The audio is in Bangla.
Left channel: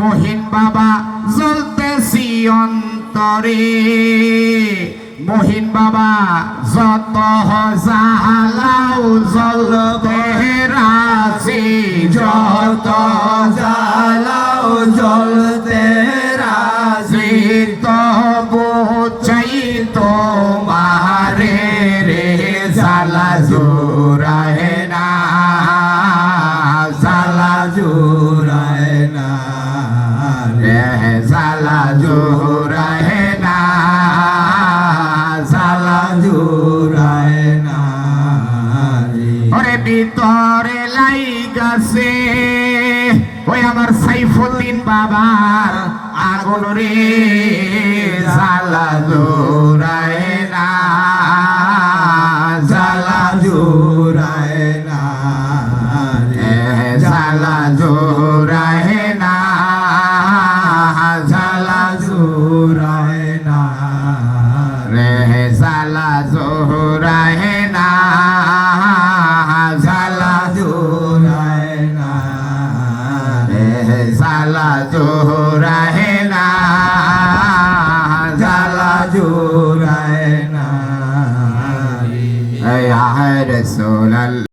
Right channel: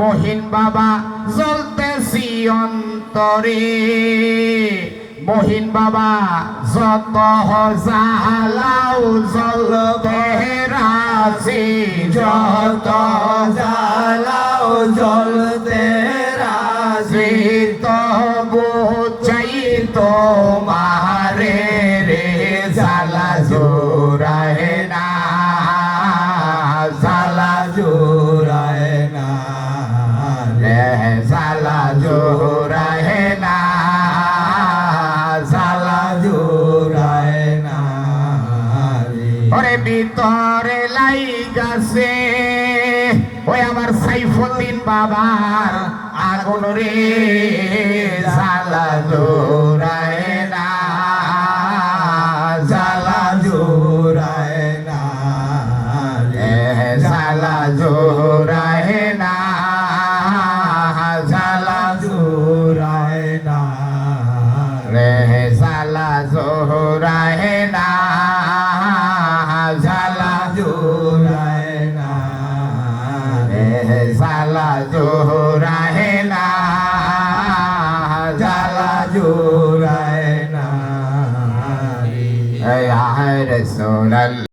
মহিন বাবা জ্বলতেছি অন্তরে মহিন বাবা যত জ্বালাও জ্বলতে রাজি যত জ্বালাও জ্বলতে রাজি তবু চাই তোমারে রে জ্বালা জোড়ায় না জ্বালা জোড়ায় না রে জ্বালা জোড়ায় না জ্বালা জোড়ায় না ওরে ভিতরে লাইগাছে ওই আমার সাইফুদ্দিন বাবার আগুন রে জ্বালা জোড়ায় না জ্বালা জোড়ায় না রে জ্বালা জোড়ায় না জ্বালা জোড়ায় না রে জ্বালা জোড়ায় না জ্বালা জোড়ায় না রে জ্বালা জোড়ায় না জ্বালা জোড়ায় না ইয়া রাসূলুল্লাহ।